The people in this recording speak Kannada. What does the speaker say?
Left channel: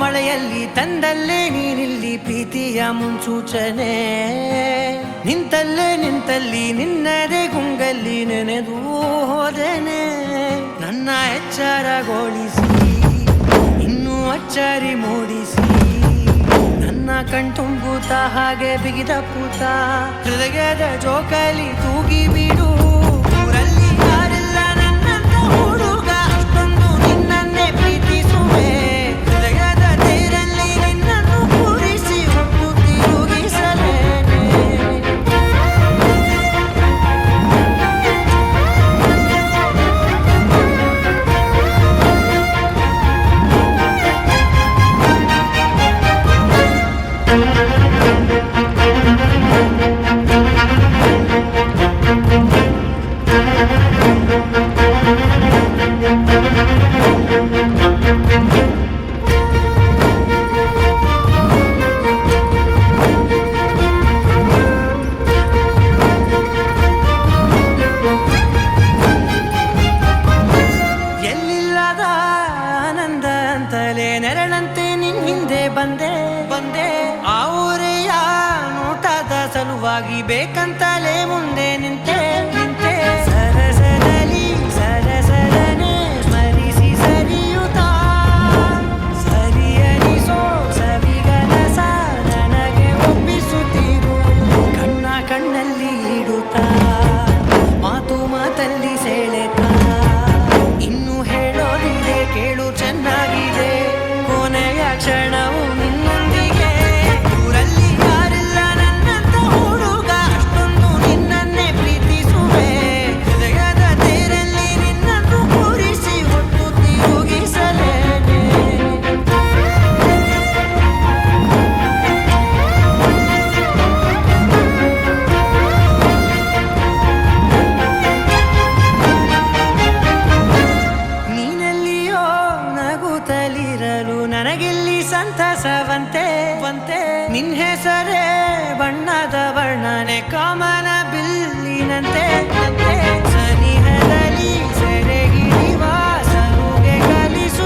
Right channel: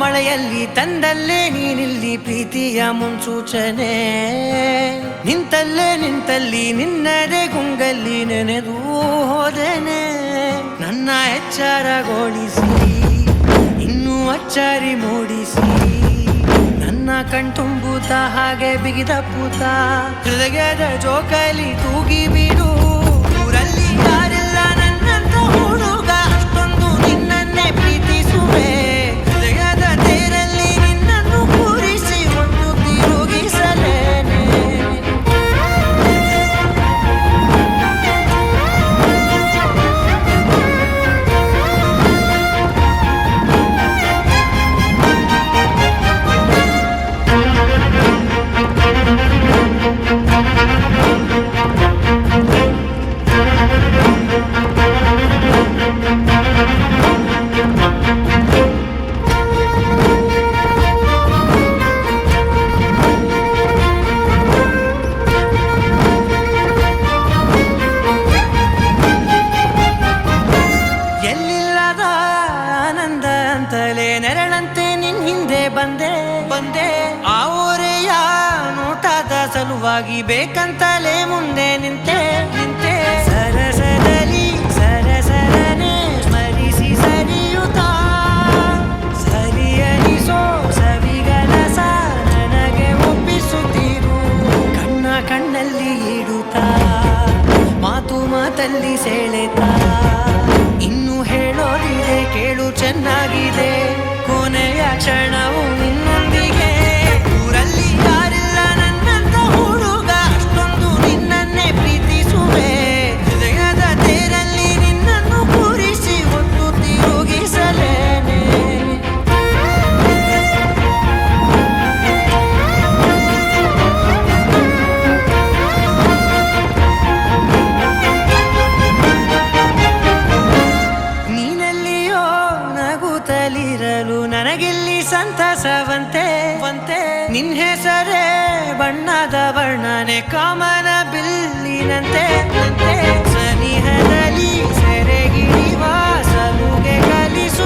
ಮಳೆಯಲ್ಲಿ ತಂದಲ್ಲೇ ನೀನಿಲ್ಲಿ ಪ್ರೀತಿಯ ಮುನ್ಸೂಚನೆ, ನಿಂತಲ್ಲಿ ನಿನ್ನದೇ ಗುಂಗಲ್ಲಿ ನೆನೆದು ಹೋದೆನೆ. ನನ್ನ ಎಚ್ಚರಗೊಳಿಸಿ ಇನ್ನೂ ಅಚ್ಚರಿ ಮೂಡಿಸಿ, ನನ್ನ ಕಣ್ತುಂಬುತ್ತ ಹಾಗೆ ಬಿಗಿದ ಪೂತ ಹೃದಯದ ಜೋಕಾಲಿ ತೂಗಿ ಬಿಡು. ಊರಲ್ಲಿ ಯಾರಿಲ್ಲ ನನ್ನಂತ ಹುಡುಗ, ಅಷ್ಟೊಂದು ನಿನ್ನನ್ನೇ ಪ್ರೀತಿಸುವೆ. ಹೃದಯದ ತೇರಲ್ಲಿ ನಿನ್ನನ್ನು ಕೂರಿಸಿ ಹೊತ್ತು ತಿರುಗಿಸಲೇನೆ. ಎಲ್ಲಿಲ್ಲದ ಆನಂದ ಅಂತಲೇ ನೆರಳಂತೆ ನಿನ್ ಹಿಂದೆ ಬಂದೆ. ಆ ಊರೆಯ ನೋಟದ ಸಲುವಾಗಿ ಬೇಕಂತಲೇ ಮುಂದೆ ನಿಂತೆ. ಸರಸದಲ್ಲಿ ಸರಸರನೆ ಸ್ಮರಿಸಿ ಸರಿಯುತ್ತಾ, ಸರಿಯನಿಸೋ ಸವಿಗನಸ ನನಗೆ ಒಪ್ಪಿಸುತ್ತೀರು. ಕಣ್ಣಲ್ಲಿ ಇಡುತ್ತಾ, ಮಾತಲ್ಲಿ ಸೆಳೆತಾ, ಇನ್ನು ಹೇಳೋದಿದೆ ಕೇಳು ಚೆನ್ನಾಗಿದೆ. ಕೊನೆಯ ಕ್ಷಣವು ನಿನ್ನೊಂದಿಗೆ. ಊರಲ್ಲಿ ಯಾರಿಲ್ಲ ನನ್ನಂತ ಹುಡುಗ, ಅಷ್ಟೊಂದು ನಿನ್ನನ್ನೇ ಪ್ರೀತಿಸುವೆ. ಹೃದಯದ ತೇರಲ್ಲಿ ನಿನ್ನನ್ನು ಕೂರಿಸಿ ಹೊತ್ತು ತಿರುಗಿಸಲೇನೆ. ನೀನೆಲ್ಲಿಯೋ ನಗುತ್ತಲಿರಲು ನನಗಿಲ್ಲಿ ಸಂತಸವಂತೆ. ನಿನ್ ಹೆಸರೇ ಬಣ್ಣದ ವರ್ಣನೆ ಕಾಮನ ಬಿಲ್ಲಿನಂತೆ. ಸನಿಹದಲ್ಲಿ ಸೆರೆ ಹಿಡಿಯುವ ಸಲುಗೆ ಕಲಿಸು